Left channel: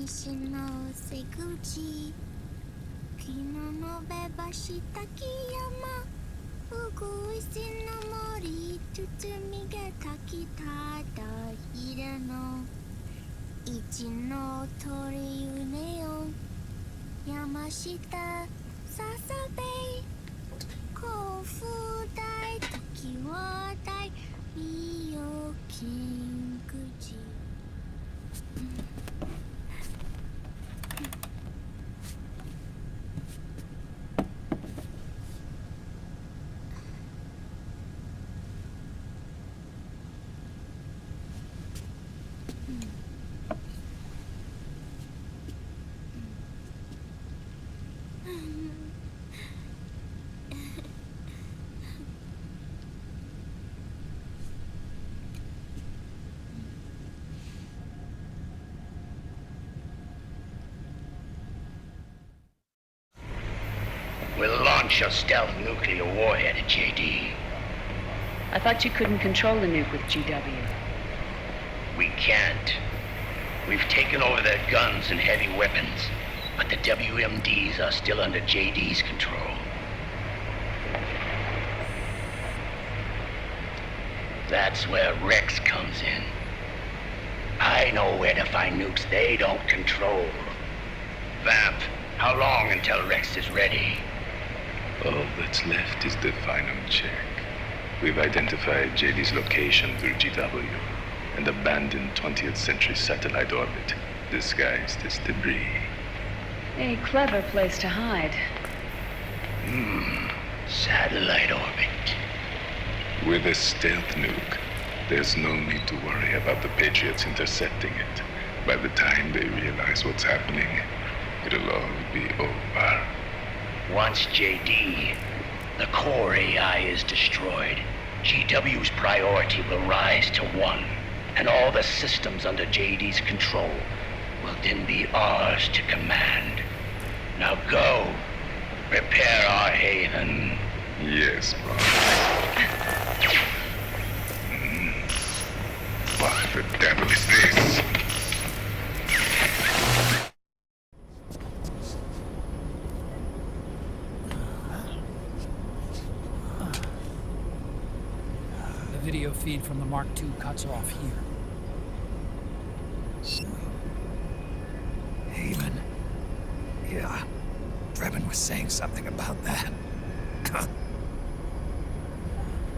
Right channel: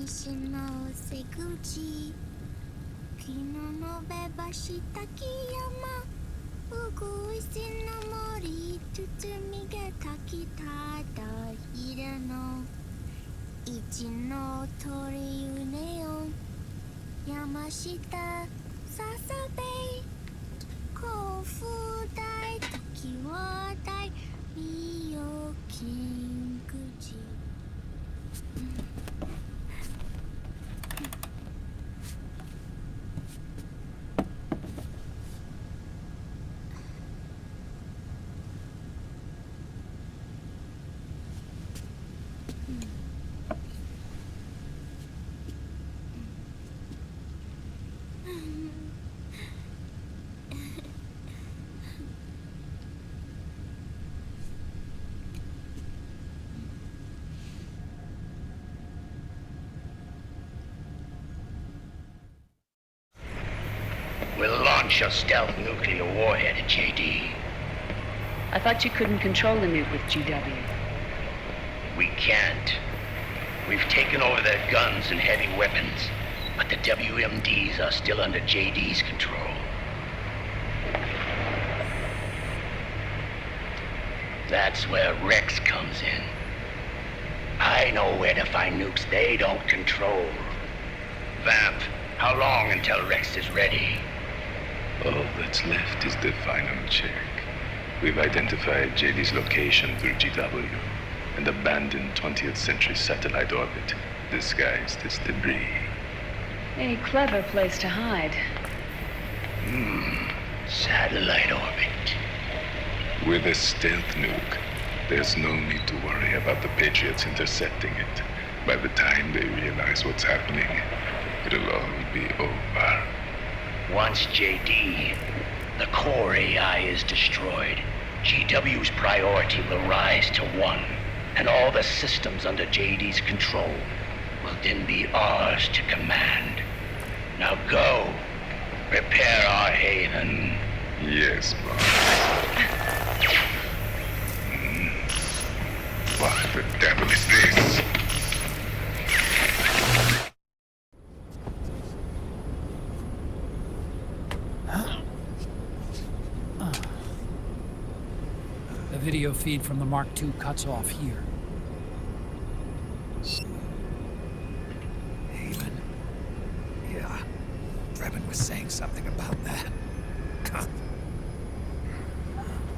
西の瀬口昨日のべばした木山うぐいすの森包みが炊きただ昼の一の鳥うねよ山下ささべ甲府大時は大美容金口We'll launch a stealth nuclear warhead at JD. I thought you couldn't control the nuke with GW. We can't. We've taken over their guns and heavy weapons, but the WMDs are still under JD's control. That's where Rex comes in. I know where to find nukes they don't control. Vamp, how long until Rex is ready? All that's left is the final check. We've identified JD's location through GW, and abandoned 20th century satellite orbit, disguised as debris. A clever place to hide. Satellite orbit. With a stealth nuke, there's no need to worry about the Patriots intercepting it. By the time they realize what's happening, it'll all be over. Once JD, the core AI is destroyed, GW's priority will rise to 1, and all the systems under JD's control will then be ours to command. Now go, prepare our haven. Yes, boss. What the devil is this? The video feed from the Mark II cuts off here. Haven. Yeah. Drebin was saying something about that.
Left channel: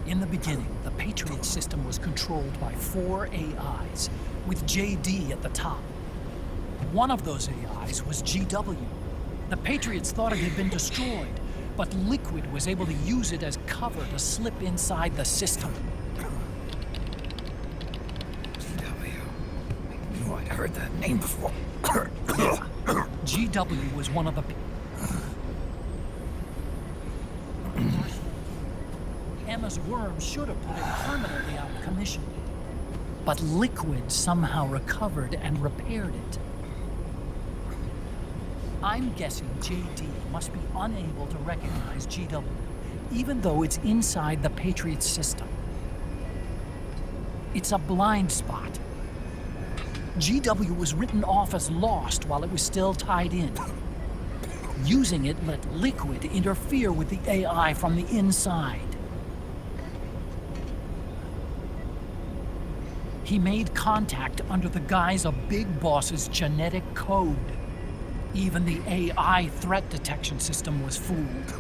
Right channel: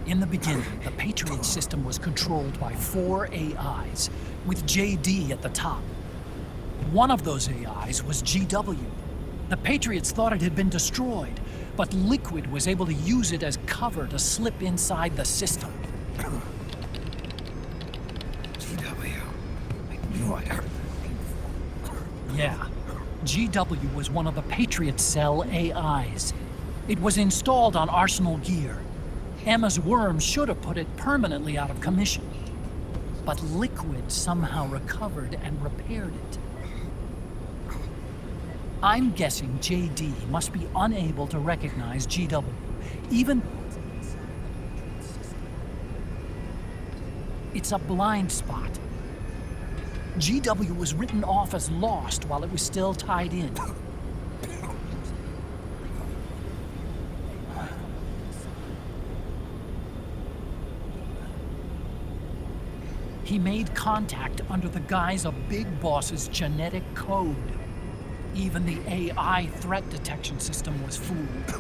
In the beginning, the Patriot system was controlled by 4 AIs, with JD at the top. One of those AIs was GW. The Patriots thought it had been destroyed, but Liquid was able to use it as cover to slip inside the system. GW. I knew I'd heard that name before. Yeah. GW was one of the Patriot Cell AIs. It was installed on Arsenal gear. Emma's worm should have put it permanently out of commission. But Liquid somehow recovered and repaired it. I'm guessing JD must be unable to recognize GW, even though it's inside the Patriot system. It's a blind spot. GW was written off as lost while it was still tied in. Using it let Liquid interfere with the AI from the inside. He made contact under the guise of Big Boss's genetic code. Even the AI threat detection system was fooled.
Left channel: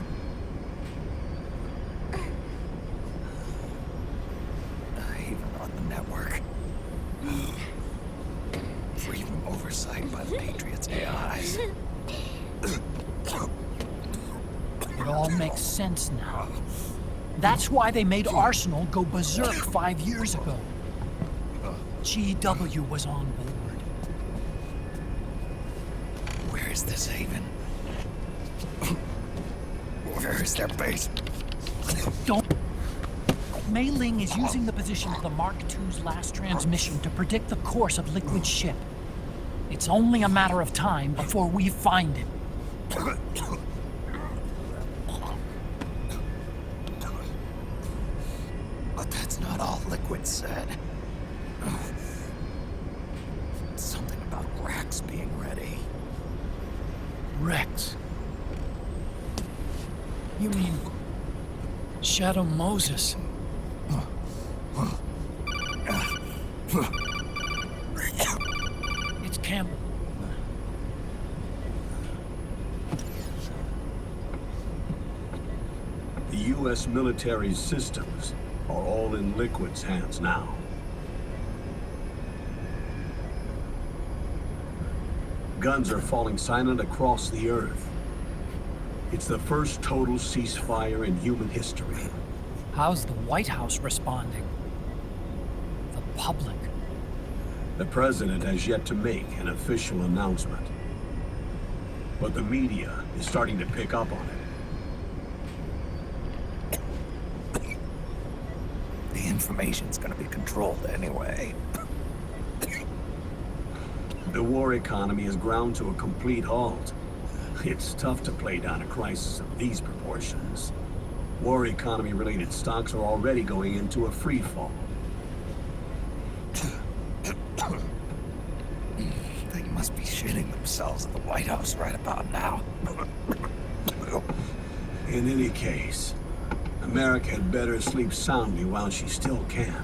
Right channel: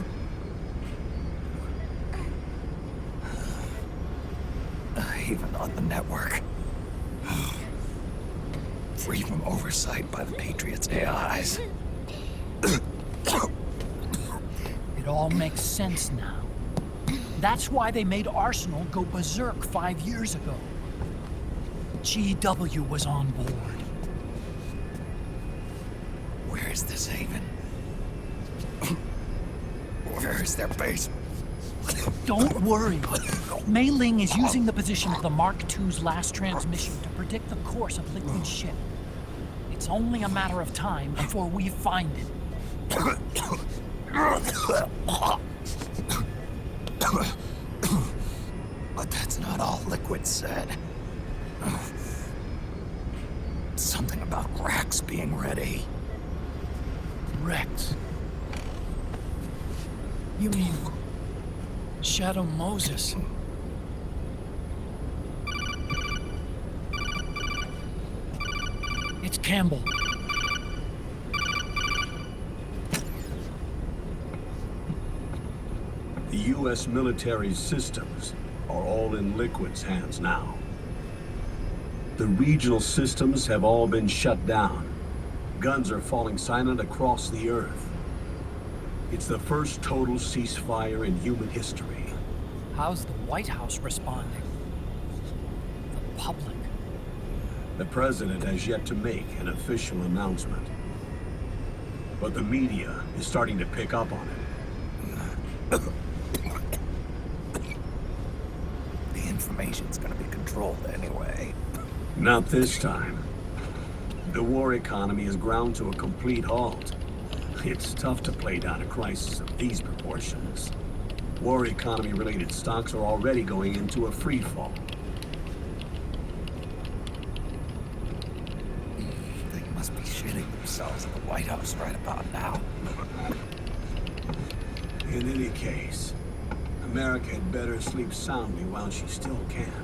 Even on the network. Free from oversight by the Patriots' AIs. It all makes sense now. That's why they made Arsenal go berserk 5 years ago. GW was on board. Where is this haven? Where is their base? Don't worry. Mei Ling is using the position of the Mark II's last transmission to predict the course of Liquid's ship. It's only a matter of time before we find it. But that's not all Liquid said. Something about Rex being ready. Rex? You mean Shadow Moses? It's Campbell. The U.S. military systems are all in Liquid's hands now. The regional systems have all been shut down. Guns are falling silent across the Earth. It's the first total ceasefire in human history. How's the White House responding? The public? The president has yet to make an official announcement. But the media is starting to pick up on it. The information's gonna be controlled anyway. Not this time. The war economy has ground to a complete halt. It's tough to play down a crisis of these proportions. War economy-related stocks are already going into a free fall. They must be shitting themselves at the White House right about now. In any case, America had better sleep soundly while she still can.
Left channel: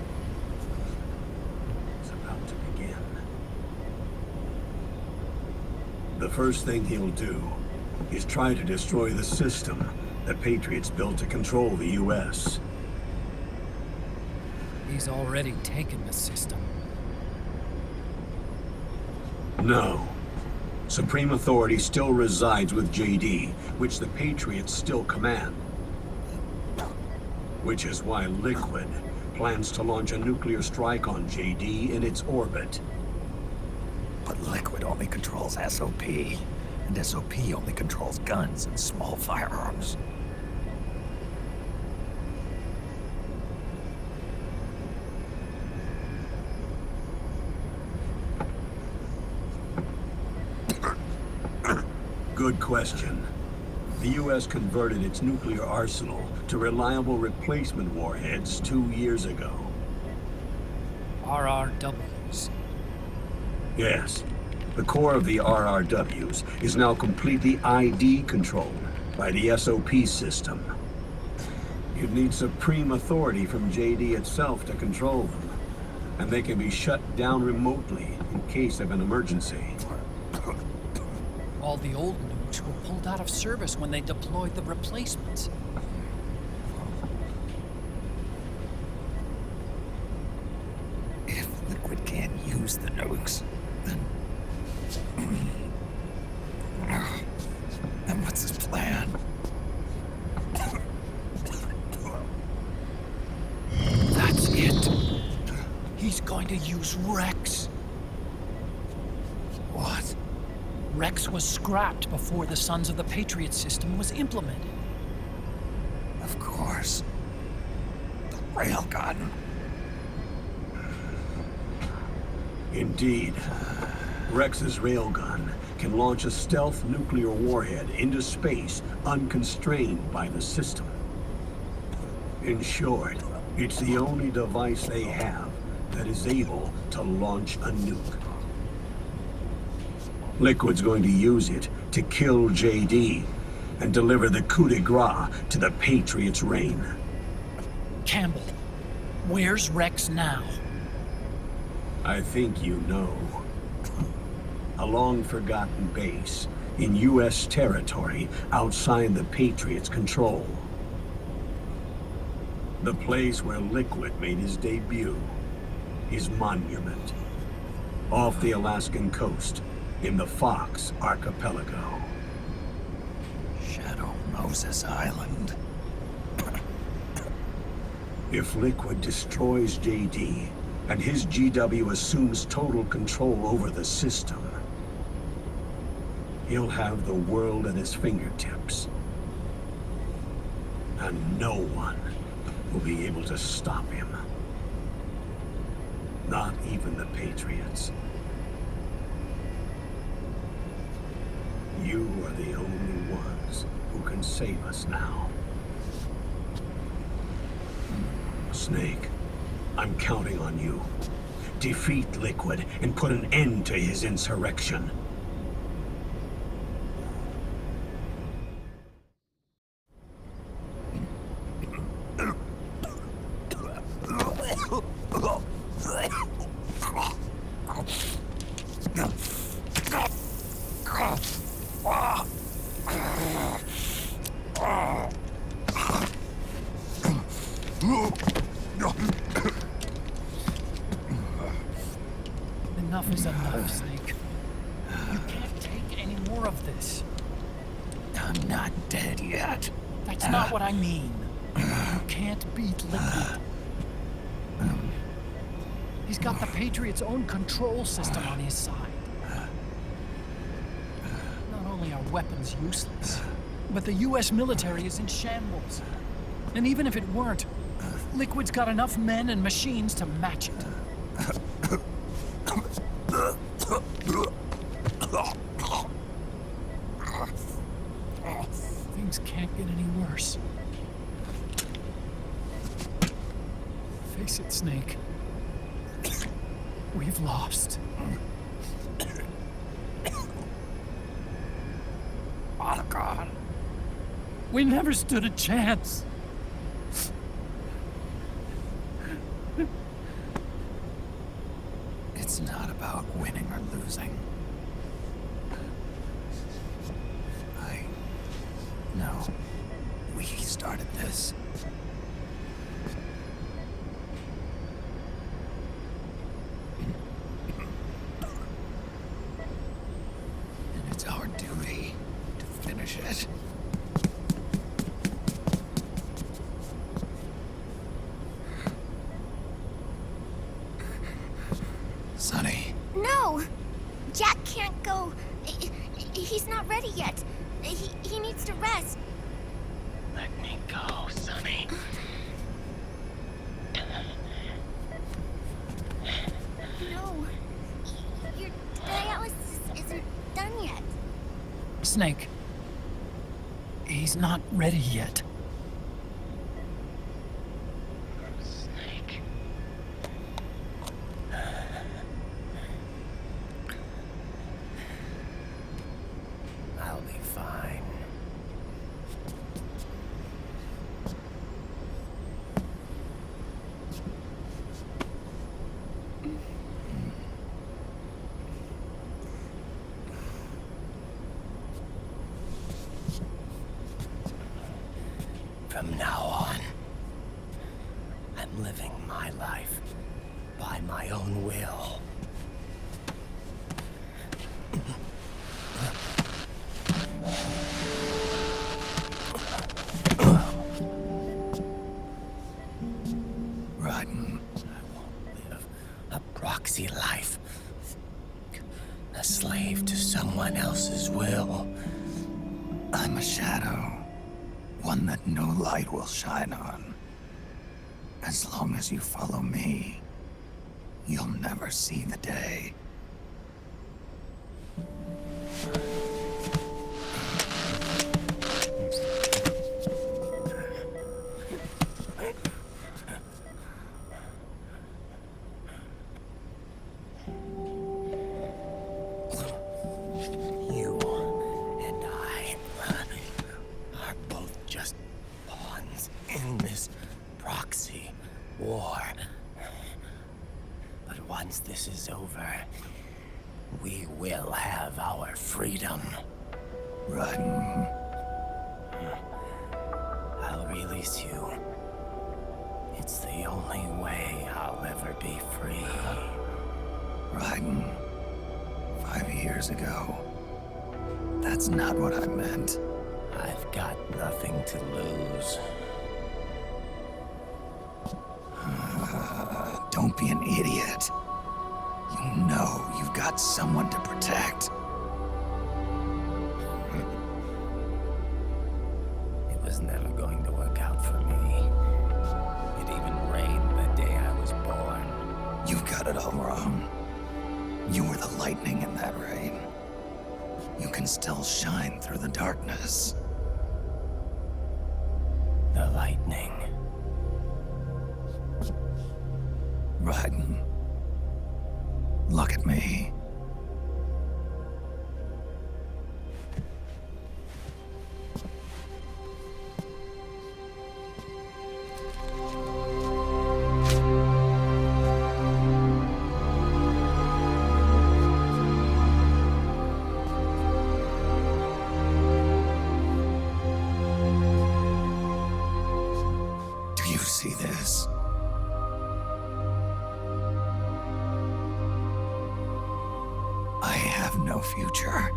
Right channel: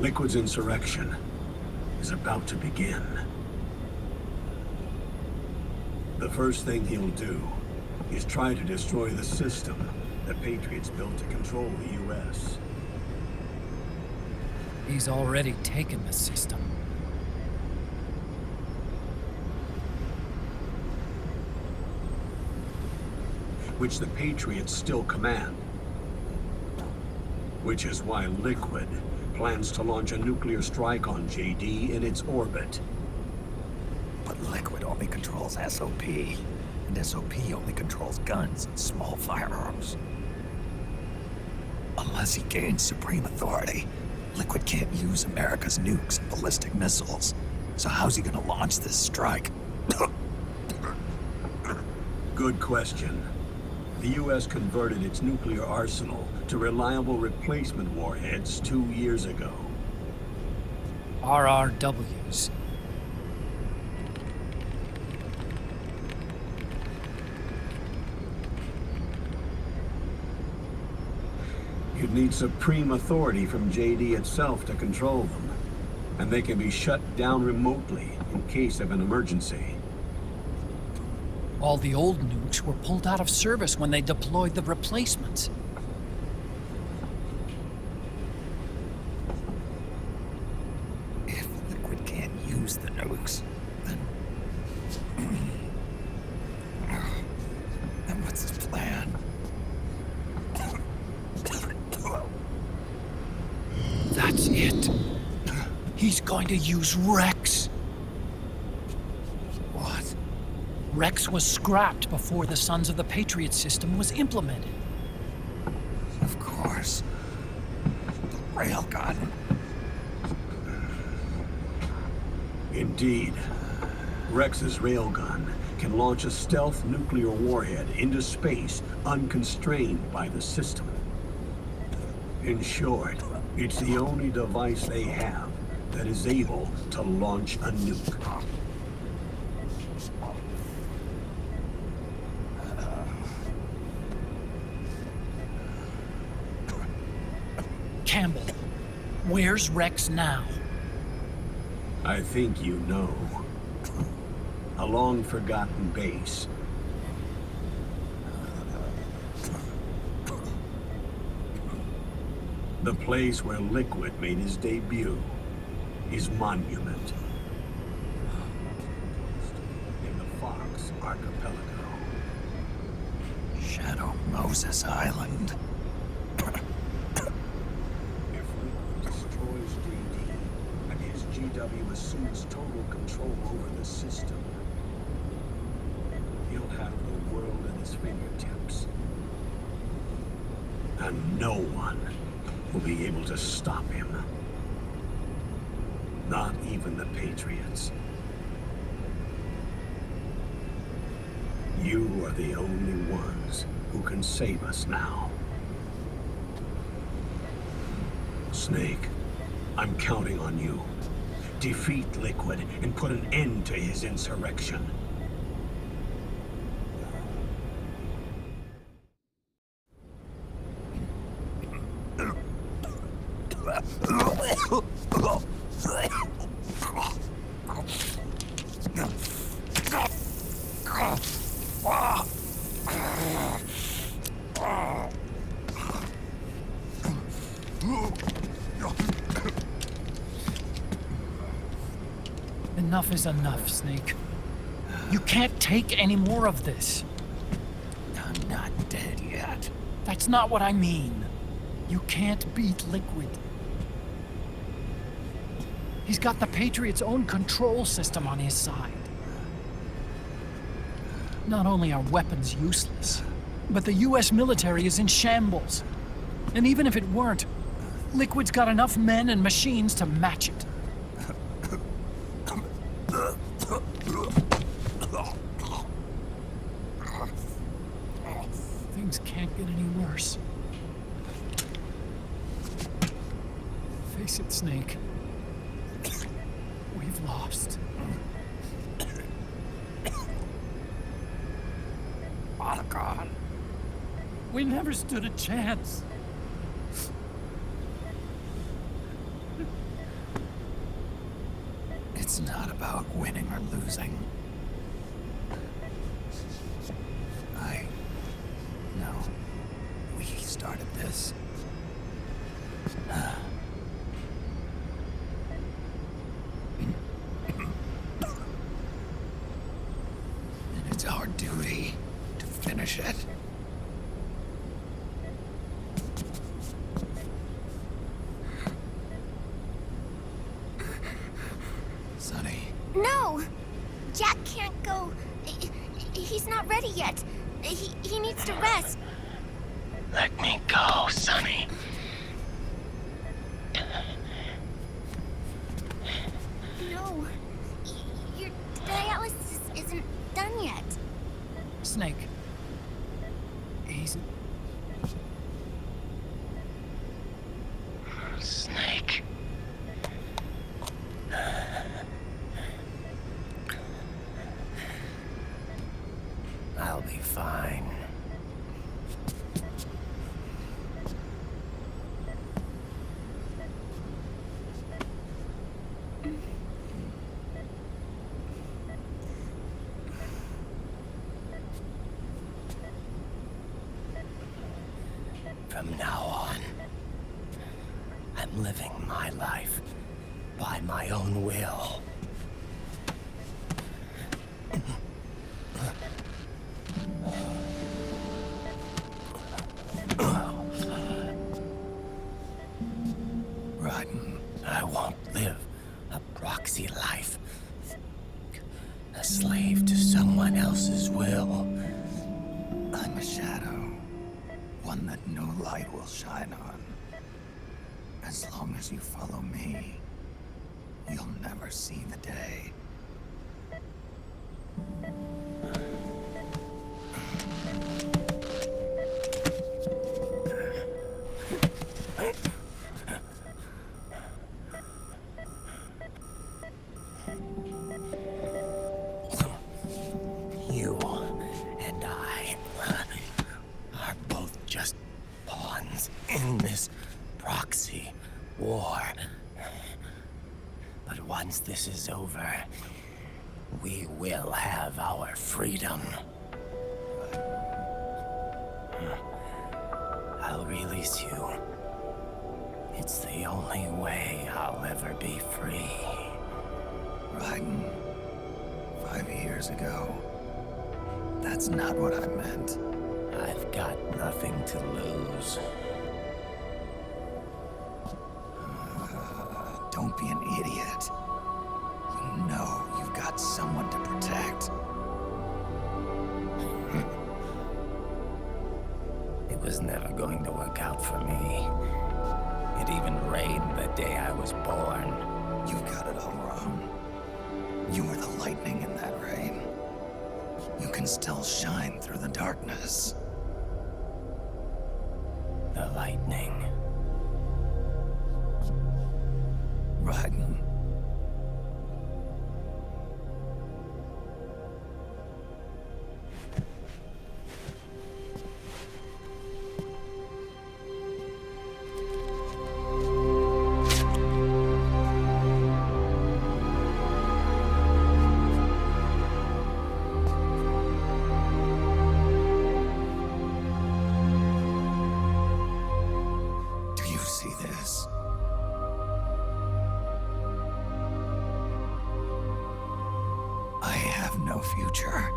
Liquid's insurrection is about to begin. The first thing he'll do is try to destroy the system the Patriots built to control the U.S. He's already taken the system. No. Supreme authority still resides with JD, which the Patriots still command. Which is why Liquid plans to launch a nuclear strike on JD in its orbit. But Liquid only controls SOP, and SOP only controls guns and small firearms. Unless he gains supreme authority, Liquid can't use America's nukes and ballistic missiles. So how's he gonna launch this strike? Good question. The U.S. converted its nuclear arsenal to reliable replacement warheads 2 years ago. RRWs. Yes. The core of the RRWs is now completely ID controlled by the SOP system. You'd need supreme authority from JD itself to control them, and they can be shut down remotely in case of an emergency. All the old nukes were pulled out of service when they deployed the replacements. If Liquid can't use the nukes, then what's his plan? That's it. He's going to use Rex. What? Rex was scrapped before the Sons of the Patriot system was implemented. Of course. The railgun. Indeed. Rex's railgun can launch a stealth nuclear warhead into space unconstrained by the system. In short, it's the only device they have that is able to launch a nuke. Liquid's going to use it to kill JD and deliver the coup de grace to the Patriots' reign. Campbell, where's Rex now? I think you know. A long-forgotten base in U.S. territory outside the Patriots' control. The place where Liquid made his debut, his monument, off the Alaskan coast in the Fox Archipelago. Shadow Moses Island. If Liquid destroys JD, and his GW assumes total control over the system, he'll have the world at his fingertips. And no one will be able to stop him. Not even the Patriots. You are the only ones who can save us now. Snake, I'm counting on you. defeat Liquid and put an end to his insurrection. Enough is enough, Snake. You can't take any more of this. I'm not dead yet. That's not what I mean. You can't beat Liquid. He's got the Patriots' own control system on his side. Not only are weapons useless, but the US military is in shambles. And even if it weren't, Liquid's got enough men and machines to match it. Things can't get any worse. Face it, Snake. We've lost. Oh, God. We never stood a chance. It's not about winning or losing. No. We started this. And it's our duty to finish it. Sonny. No! Jack can't go. He's not ready yet. He needs to rest. Let me go, Sonny. No. Your dialysis isn't done yet. Snake. He's not ready yet. Snake. I'll be fine. From now on, I'm living my life by my own will. Raiden. I won't live a proxy life, a slave to someone else's will. I'm a shadow. One that no light will shine on. As long as you follow me, you'll never see the day. You and I are both just pawns in this proxy war. But once this is over, we will have our freedom. Raiden. I'll release you. It's the only way I'll ever be free. Raiden. 5 years ago. That's not what I meant. I've got nothing to lose. Don't be an idiot. You know you've got someone to protect. It was never going to work out for me. It even rained the day I was born. You've got it all wrong. You were the lightning in that rain. You can still shine through the darkness. The lightning. Raiden, Look at me. Do you see this? I have no future.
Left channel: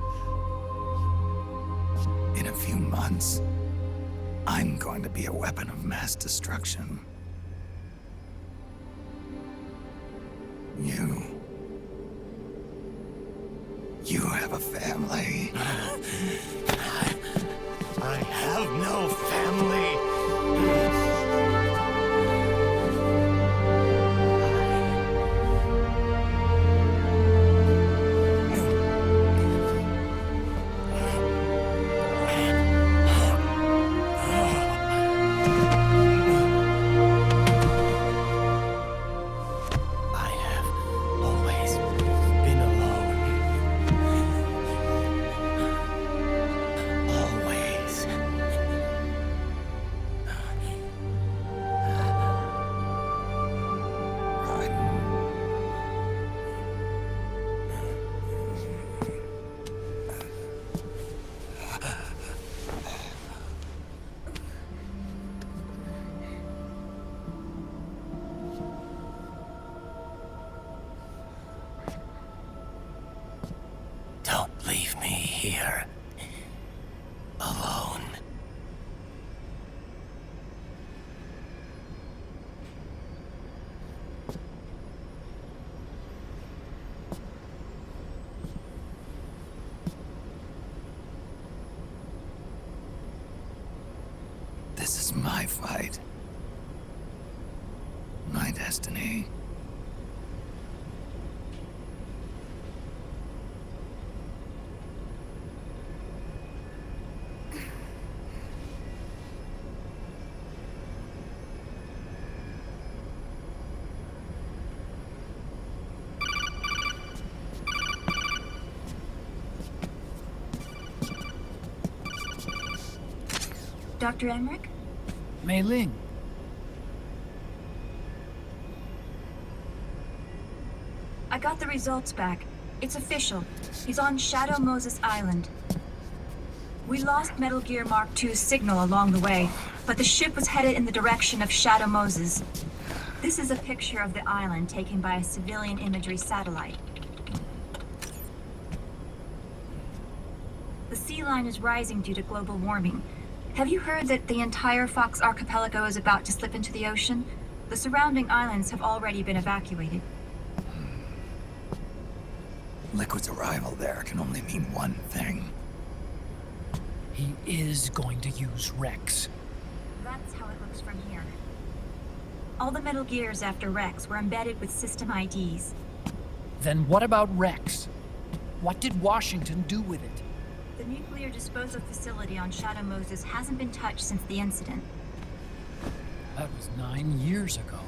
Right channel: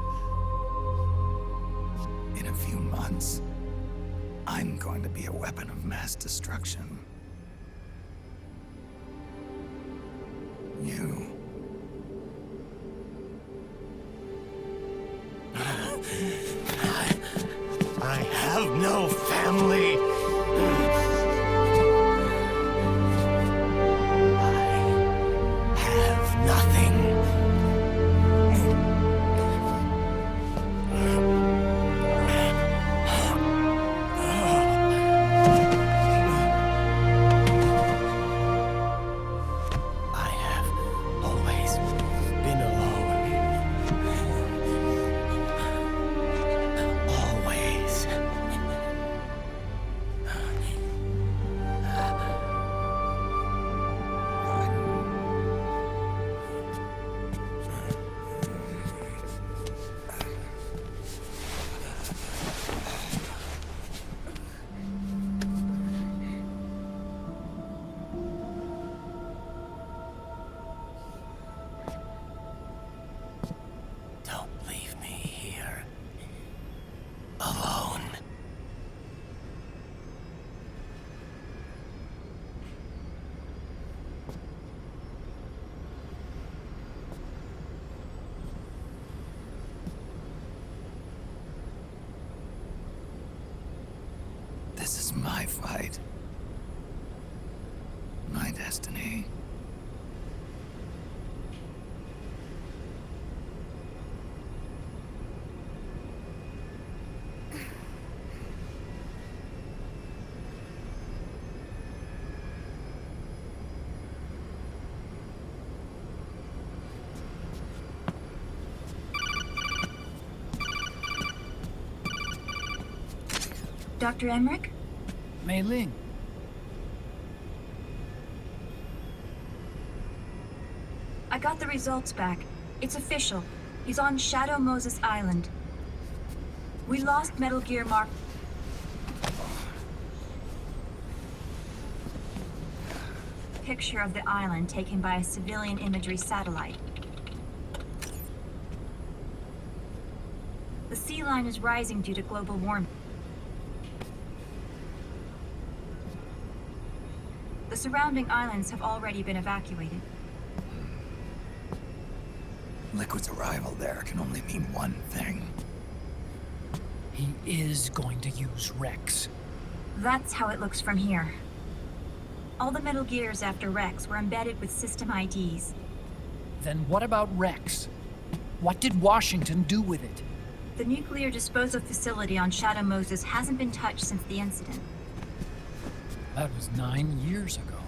In a few months, I'm going to be a weapon of mass destruction. You have a family. I have no family. I have nothing. I have always been alone. Always. Don't leave me here. Alone. This is my fight. My destiny. Dr. Emmerich? Mei Ling. I got the results back. It's official. He's on Shadow Moses Island. We lost Metal Gear Mark II's signal along the way, but the ship was headed in the direction of Shadow Moses. This is a picture of the island taken by a civilian imagery satellite. The sea line is rising due to global warming. Have you heard that the entire Fox archipelago is about to slip into the ocean? The surrounding islands have already been evacuated. Liquid's arrival there can only mean one thing. He is going to use Rex. That's how it looks from here. All the Metal Gears after Rex were embedded with system IDs. Then what about Rex? What did Washington do with it? The nuclear disposal facility on Shadow Moses hasn't been touched since the incident. That was 9 years ago.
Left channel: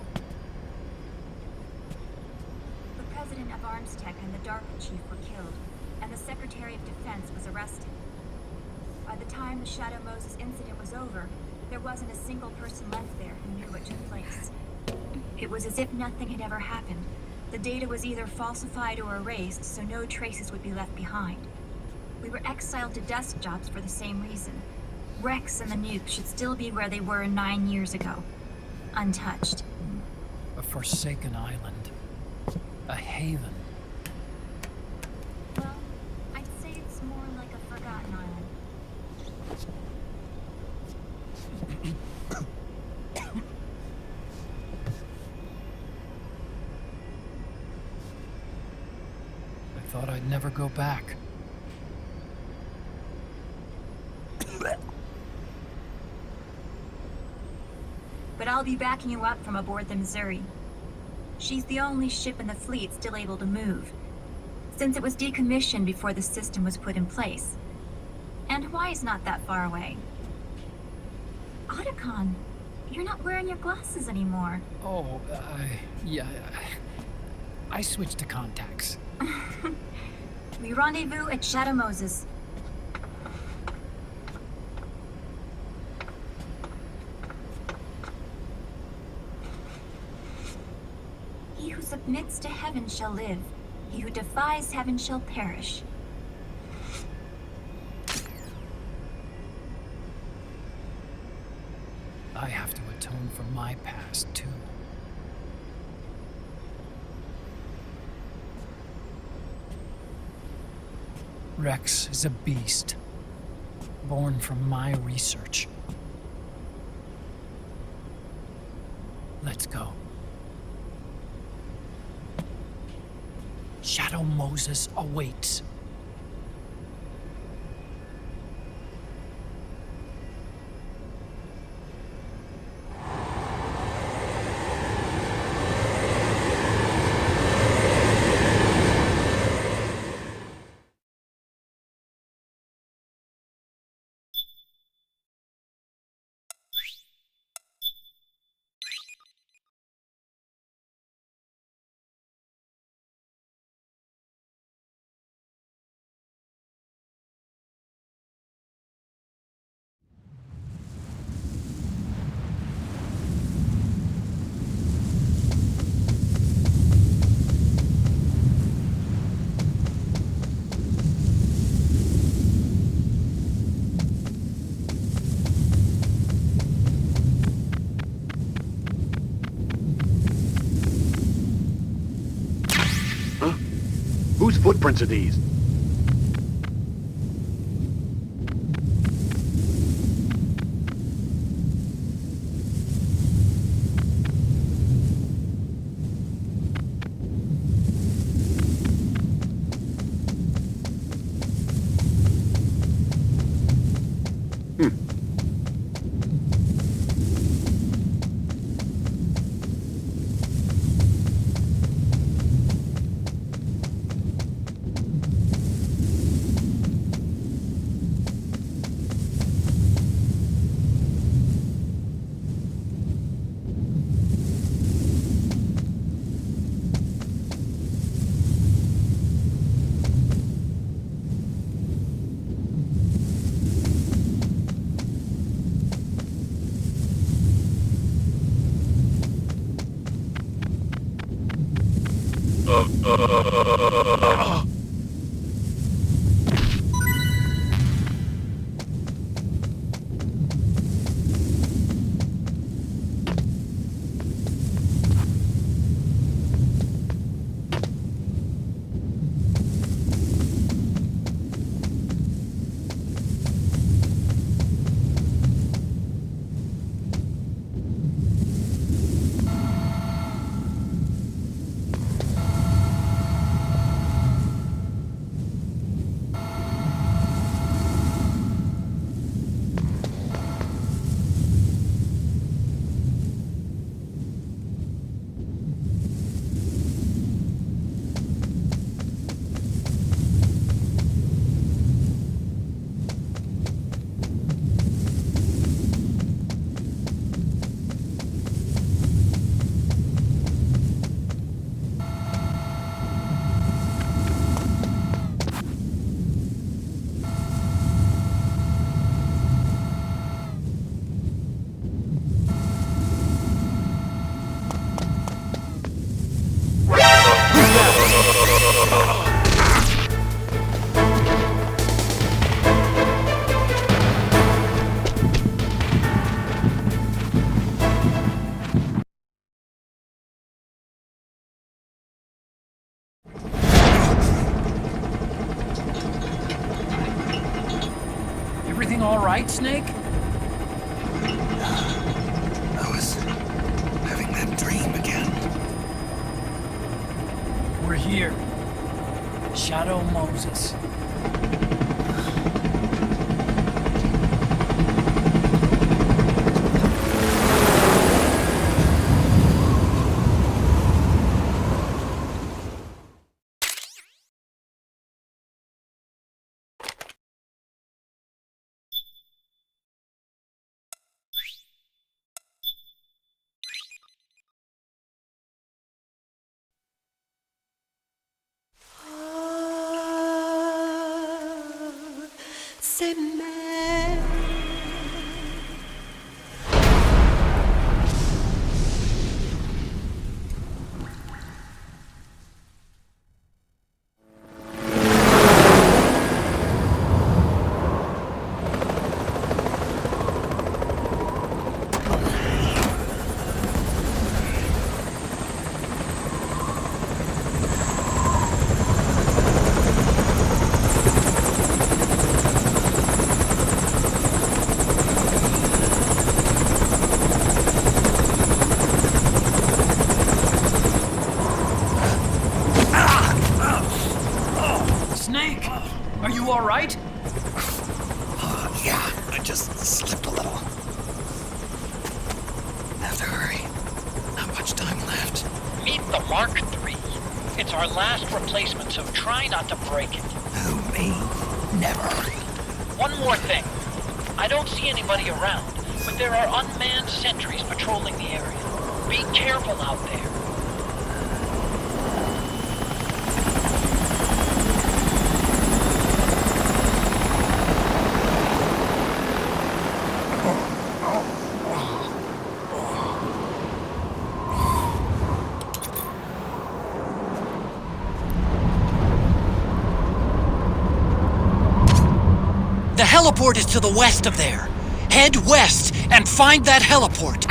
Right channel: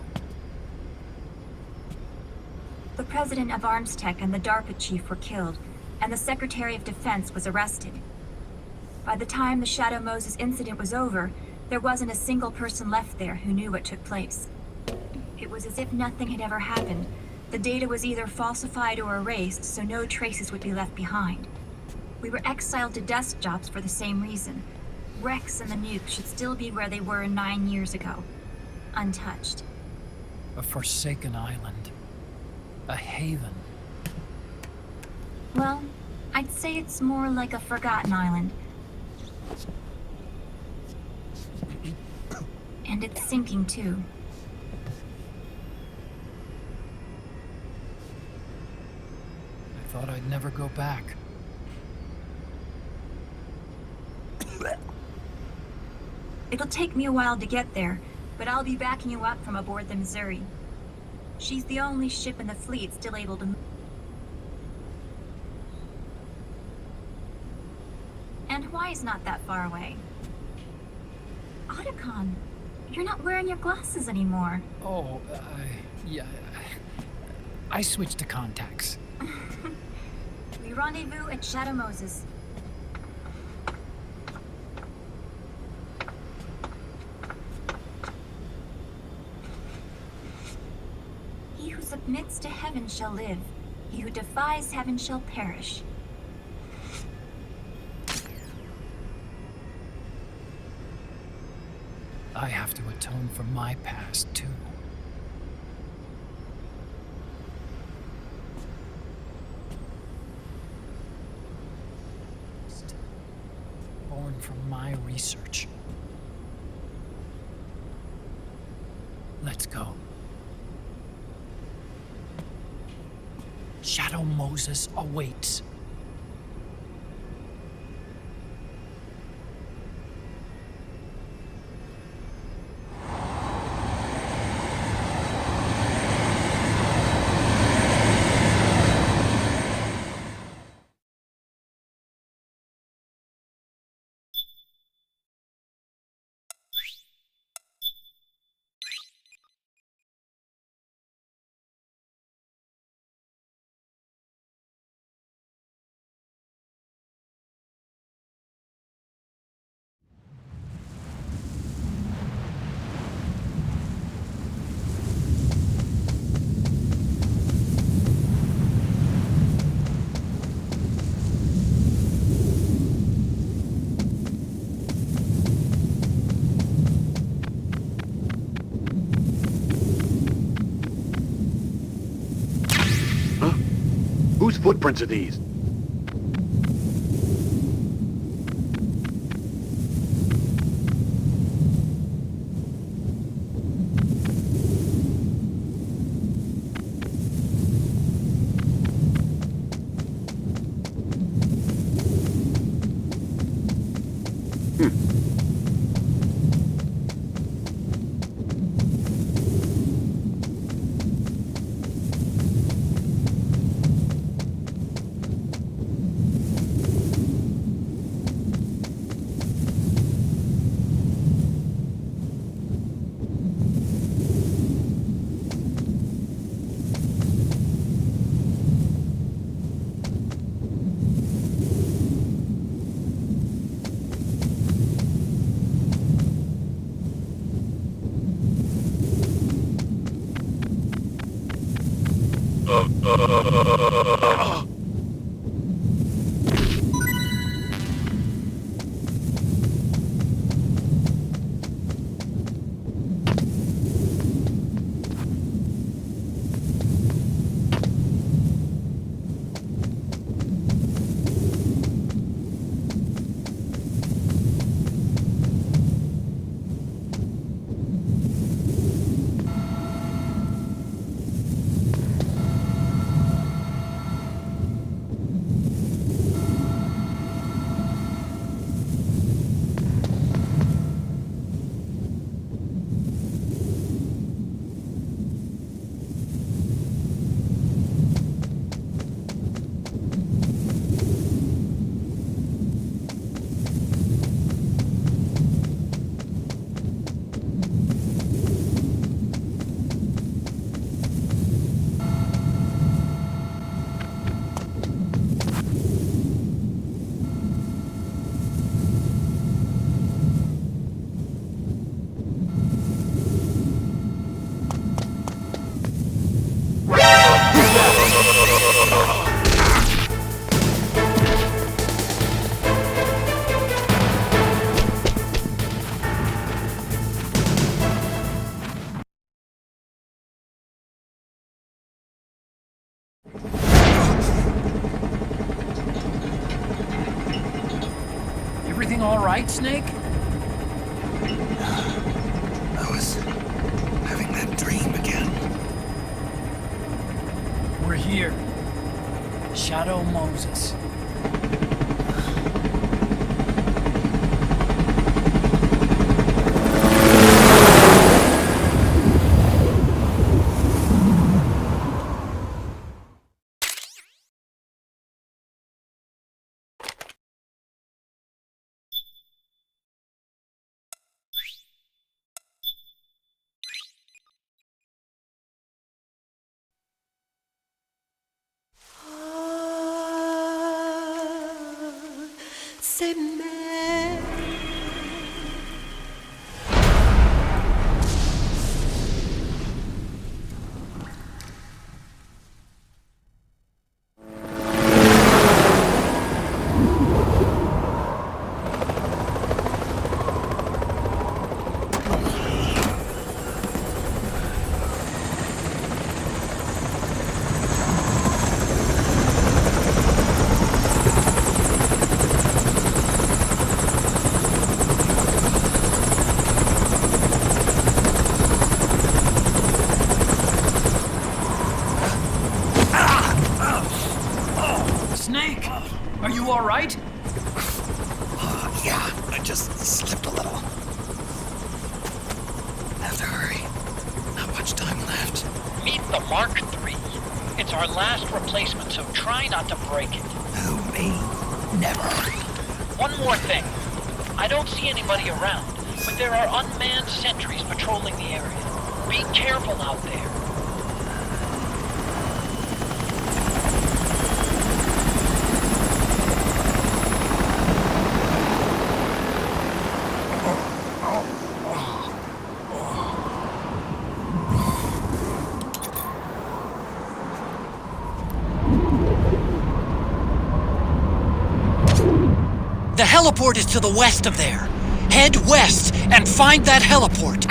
The president of Armstech and the DARPA chief were killed, and the Secretary of Defense was arrested. By the time the Shadow Moses incident was over, there wasn't a single person left there who knew what took place. It was as if nothing had ever happened. The data was either falsified or erased, so no traces would be left behind. We were exiled to desk jobs for the same reason. Rex and the nuke should still be where they were 9 years ago. Untouched. A forsaken island. A haven. Well, I'd say it's more like a forgotten island. And it's sinking too. I thought I'd never go back. It'll take me a while to get there, but I'll be backing you up from aboard the Missouri. She's the only ship in the fleet still able to move, since it was decommissioned before the system was put in place. And Hawaii's not that far away. Otacon, you're not wearing your glasses anymore. Oh, yeah. I switched to contacts. We rendezvous at Shadow Moses. He who submits to heaven shall live. He who defies heaven shall perish. I have to atone for my past, too. Rex is a beast, born from my research. Let's go. Shadow Moses awaits. Whose footprints are these? Everything all right, Snake? I was having that dream again. We're here. Shadow Moses. c'est mère. Snake, are you all right? Yeah, I just slipped a little. Have to hurry. Not much time left. Meet the Mark III. It's our last replacement, so try not to break it. Who, me? Never. One more thing. I don't see anybody around, but there are unmanned sentries patrolling the area. Be careful out there. The heliport is to the west of there. Head west and find that heliport.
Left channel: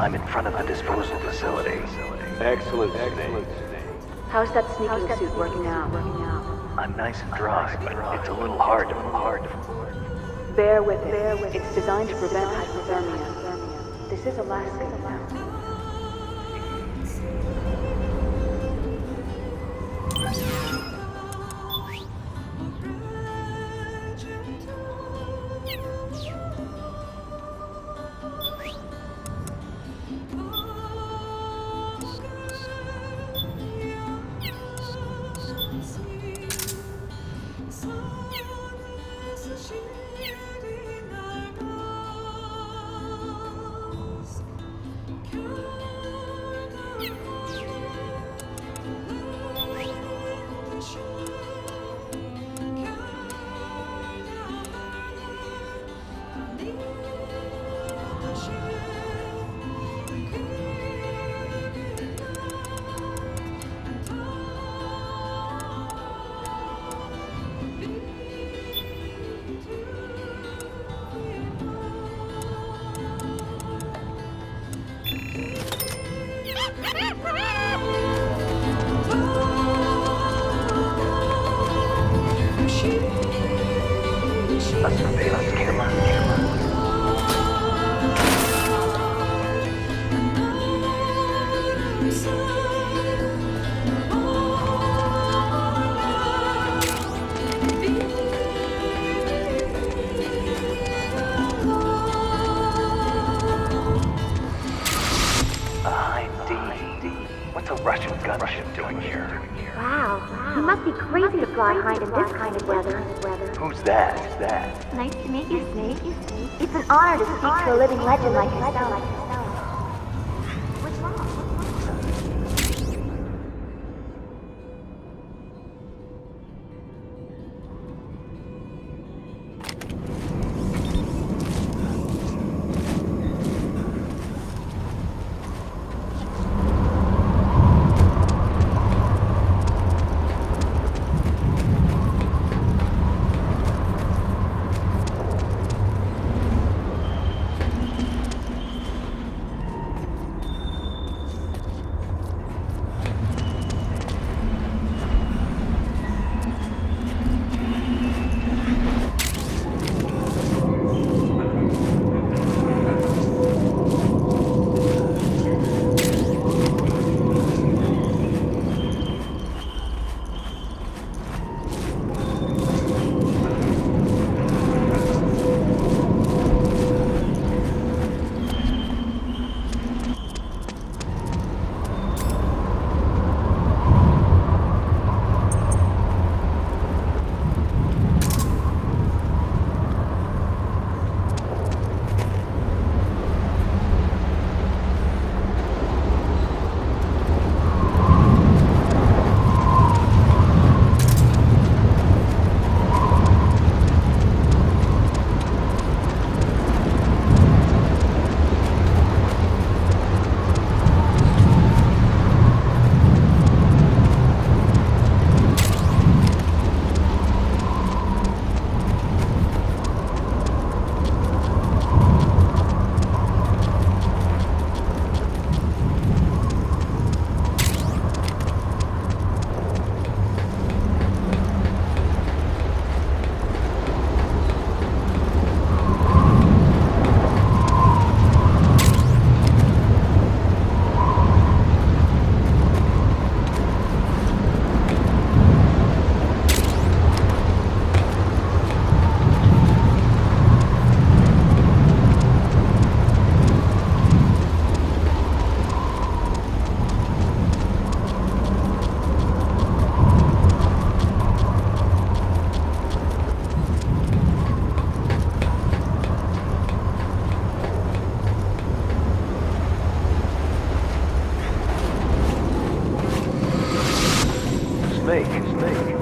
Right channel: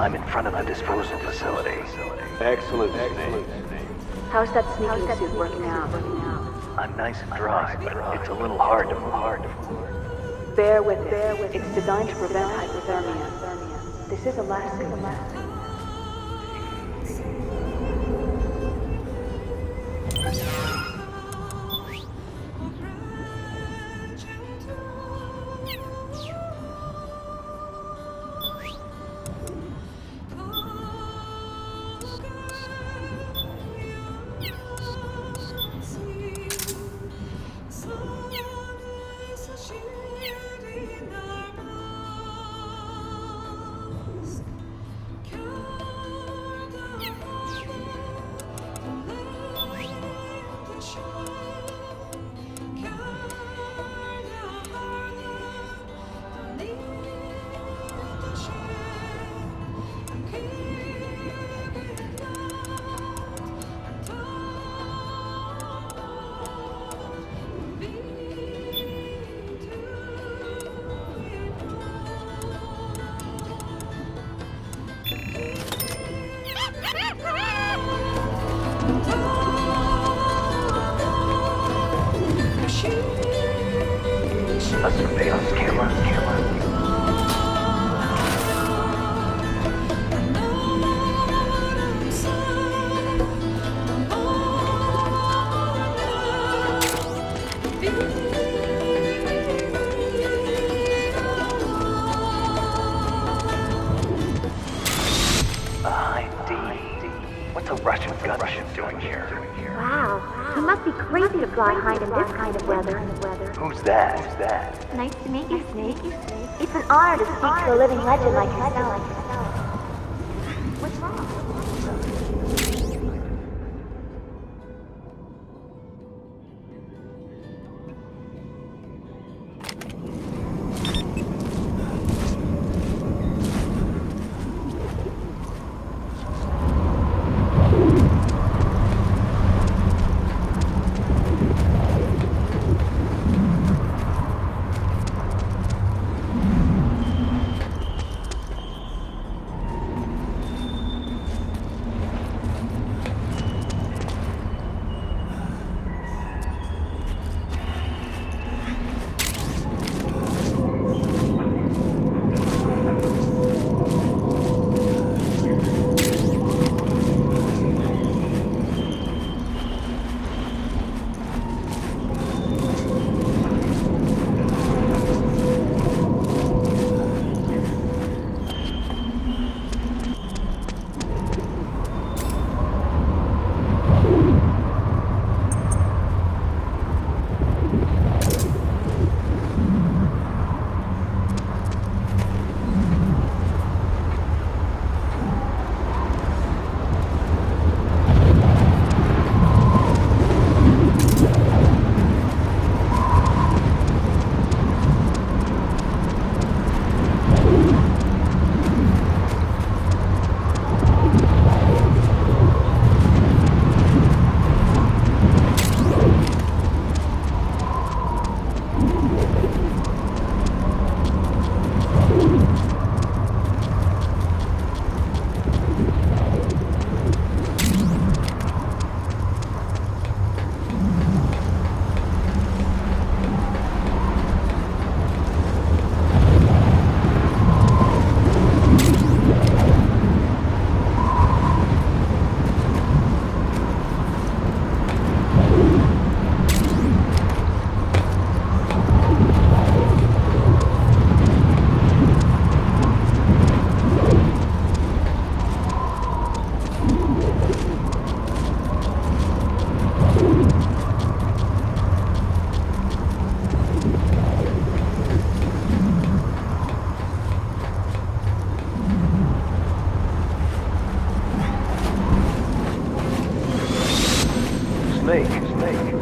I'm in front of the disposal facility. Excellent, Snake. How's that sneaking suit working out? I'm nice and dry, but it's a little hard to move. Bear with it. It's designed to prevent hypothermia. This is Alaska, you know. A surveillance camera? A high D. What's a Russian gunship doing here? Wow, he must be crazy to fly high in this kind of weather. Who's that? Nice to meet you, Snake. It's an honor to speak to a living legend like yourself.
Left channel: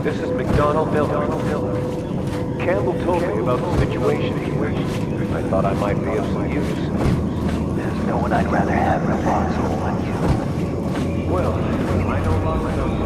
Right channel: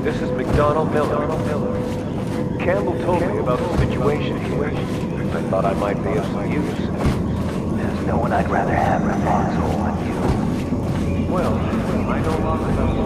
This is McDonald Miller. Campbell told me about the situation here. I thought I might be of some use. There's no one I'd rather have in a foxhole than you. Well, I know lots about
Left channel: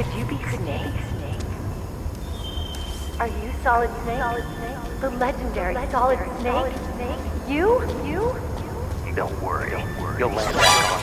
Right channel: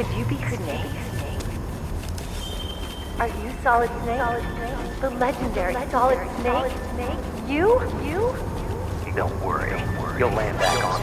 Could you be Snake? Are you Solid Snake? The legendary Solid Snake? You? Don't worry. You'll land back on.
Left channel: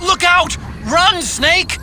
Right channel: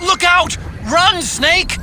Look out! Run, Snake!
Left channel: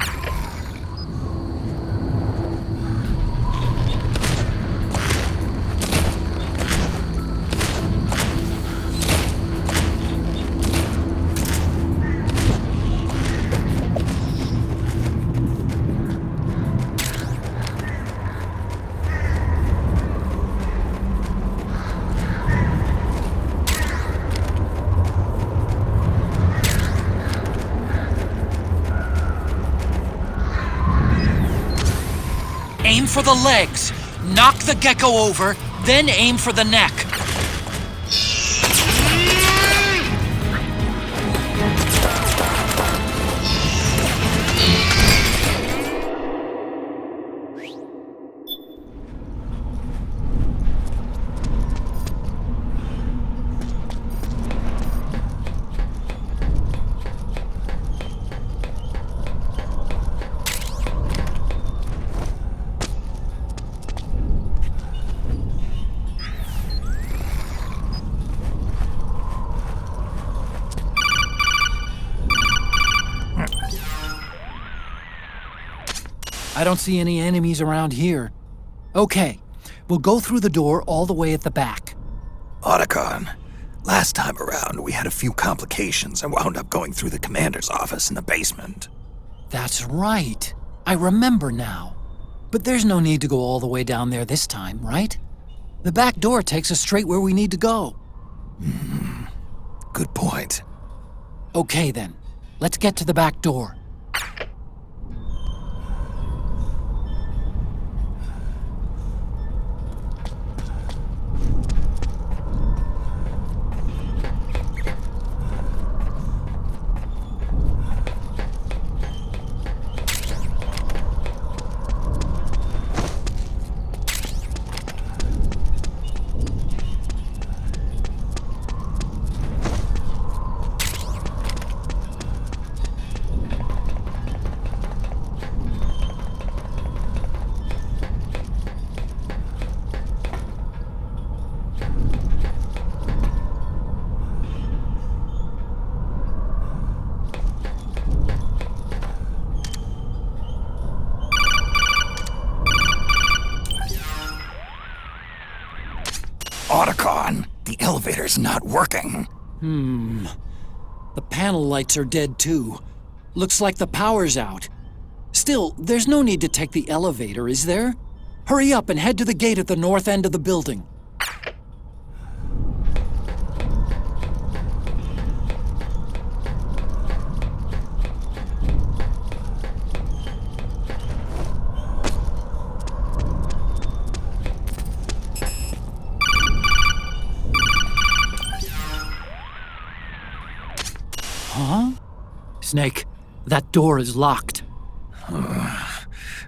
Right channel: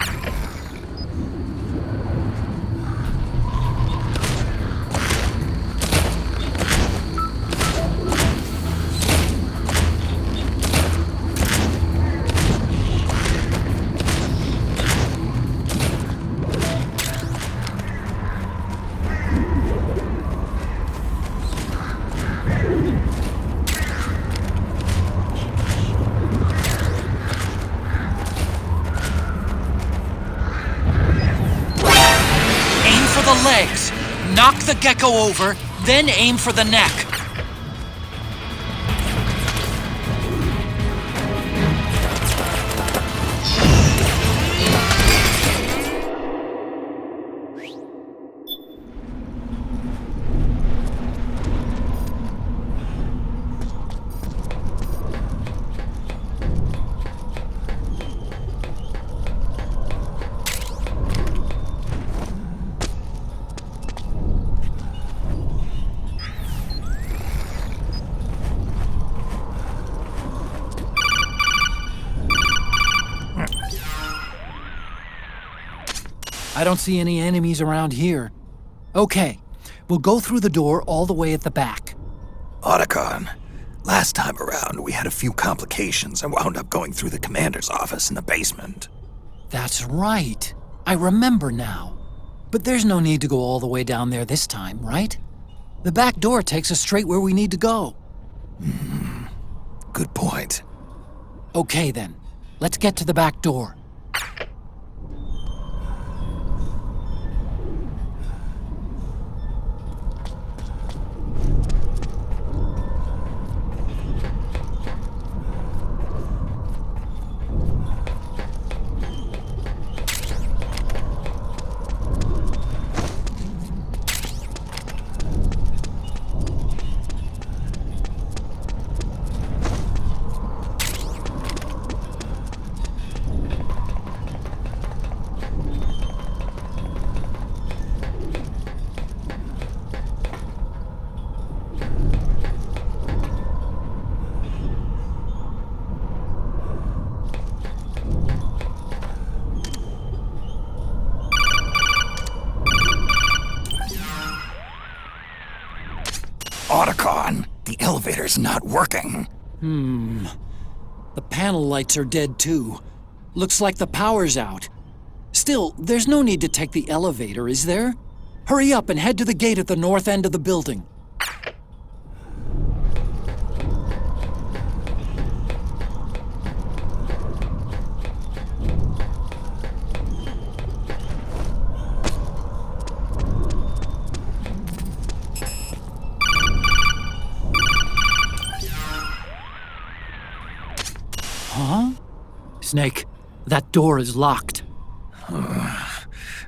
Aim for the legs. Knock the gecko over, then aim for the neck. I don't see any enemies around here. Okay, we'll go through the door all the way at the back. Otacon, last time around we had a few complications and wound up going through the commander's office in the basement. That's right. I remember now. But there's no need to go all the way down there this time, right? The back door takes us straight where we need to go. Good point. Okay then, let's get to the back door. is not working. The panel lights are dead too. Looks like the power's out. Still, there's no need to take the elevator, is there? Hurry up and head to the gate at the north end of the building. Huh? Snake, that door is locked.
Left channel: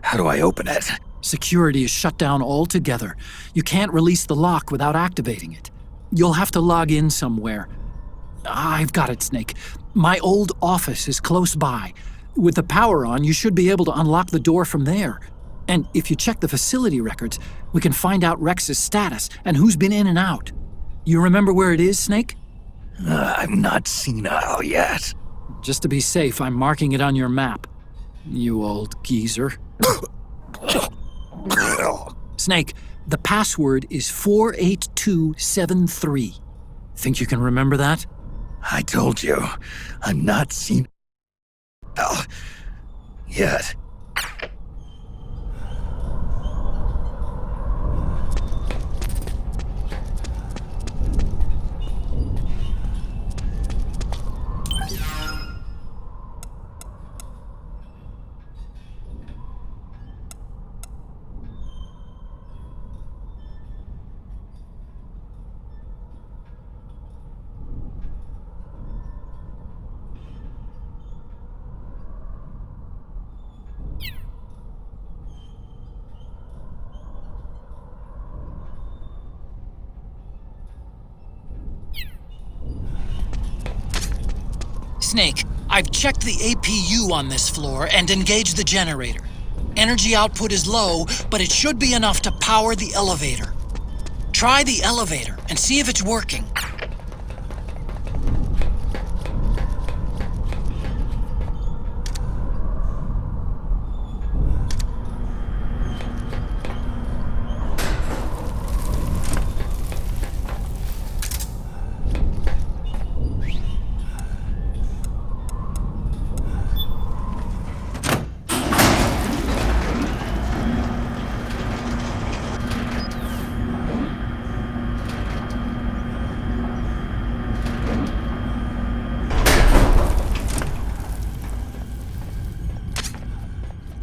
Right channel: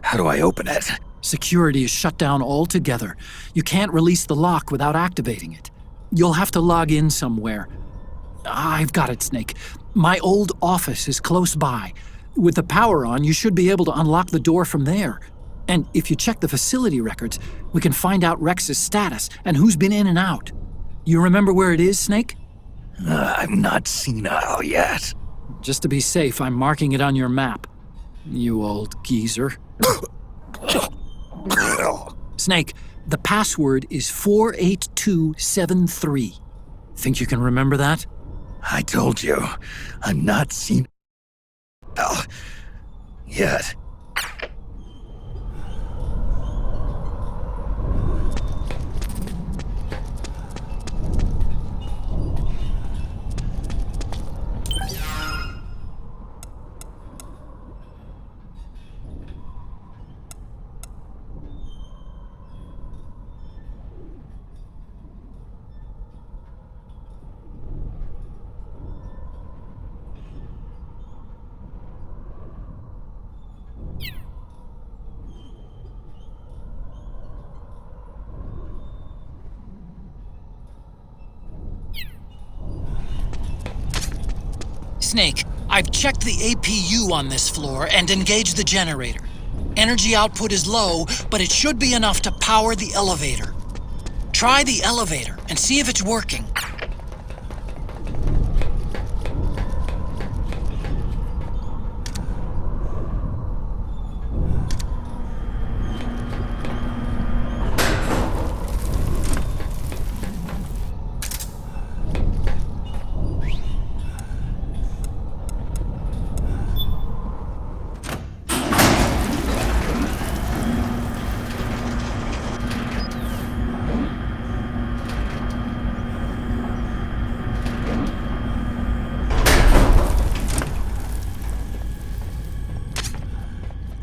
How do I open it? Security is shut down altogether. You can't release the lock without activating it. You'll have to log in somewhere. I've got it, Snake. My old office is close by. With the power on, you should be able to unlock the door from there. And if you check the facility records, we can find out Rex's status and who's been in and out. You remember where it is, Snake? I'm not senile yet. Just to be safe, I'm marking it on your map. You old geezer. Snake, the password is 48273. Think you can remember that? I told you, I'm not senile yet. Snake, I've checked the APU on this floor and engaged the generator. Energy output is low, but it should be enough to power the elevator. Try the elevator and see if it's working.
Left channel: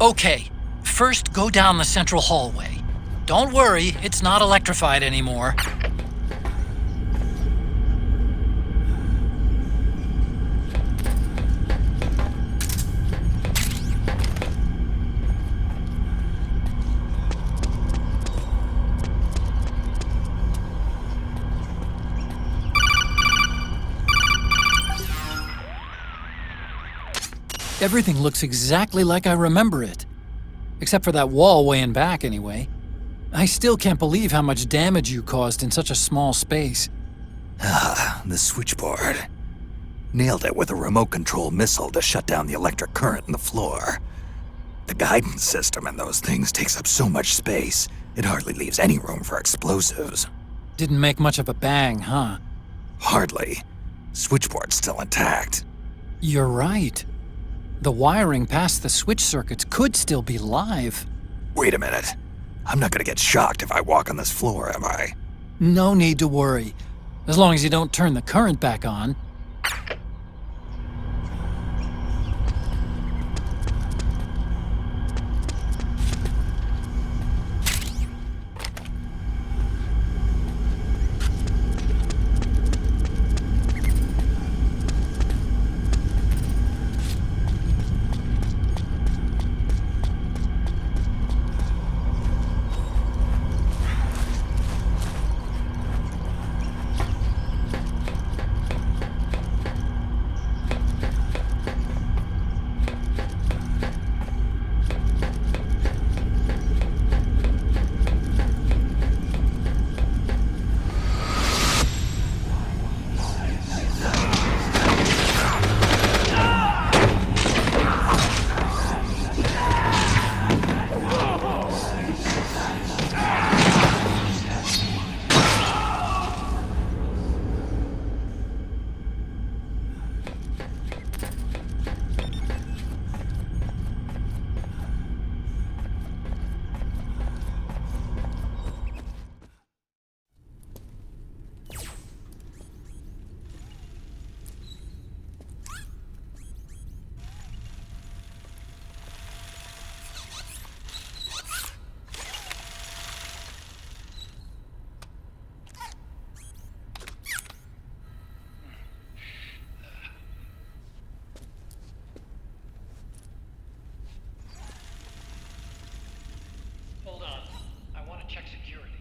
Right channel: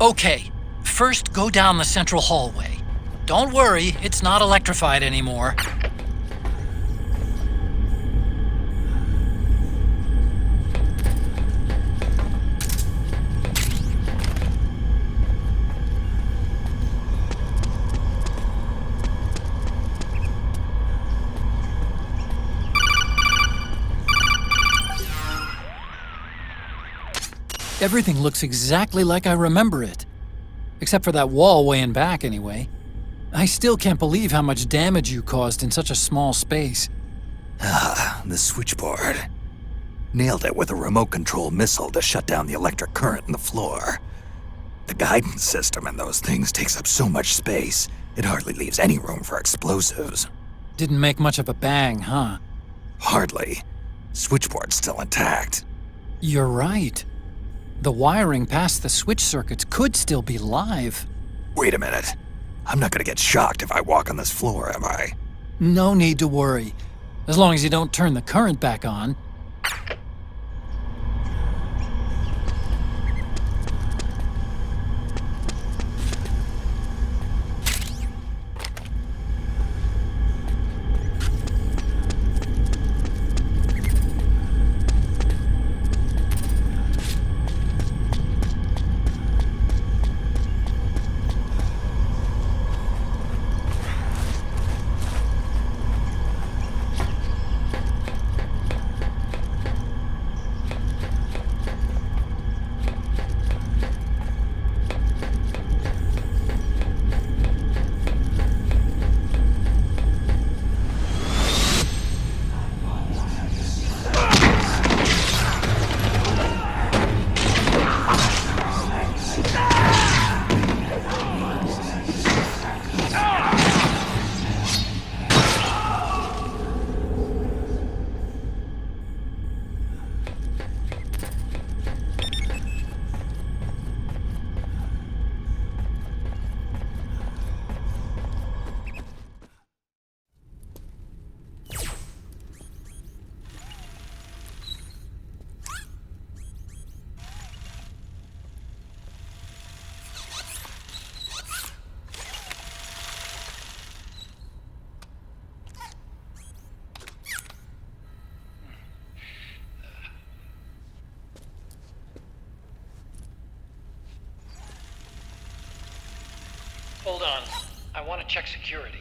Okay, first go down the central hallway. Don't worry, it's not electrified anymore. Everything looks exactly like I remember it. Except for that wall way in back, anyway. I still can't believe how much damage you caused in such a small space. The switchboard. Nailed it with a remote control missile to shut down the electric current in the floor. The guidance system in those things takes up so much space, it hardly leaves any room for explosives. Didn't make much of a bang, huh? Hardly. Switchboard's still intact. You're right. The wiring past the switch circuits could still be live. Wait a minute. I'm not gonna get shocked if I walk on this floor, am I? No need to worry. As long as you don't turn the current back on. Hold on. I want to check security.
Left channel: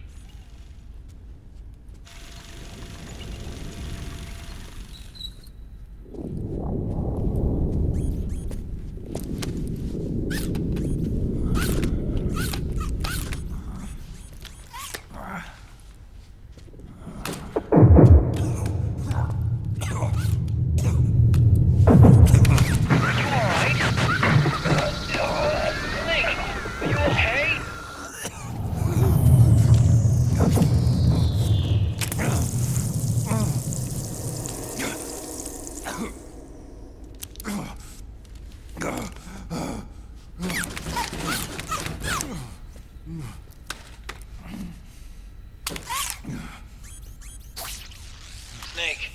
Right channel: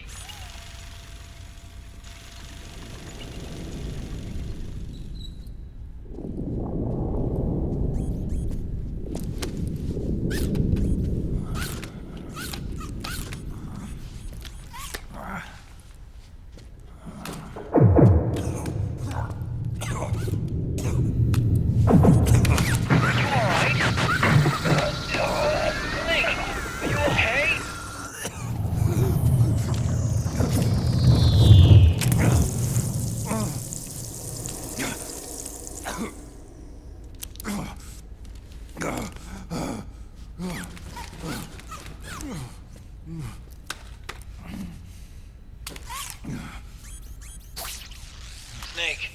Snake,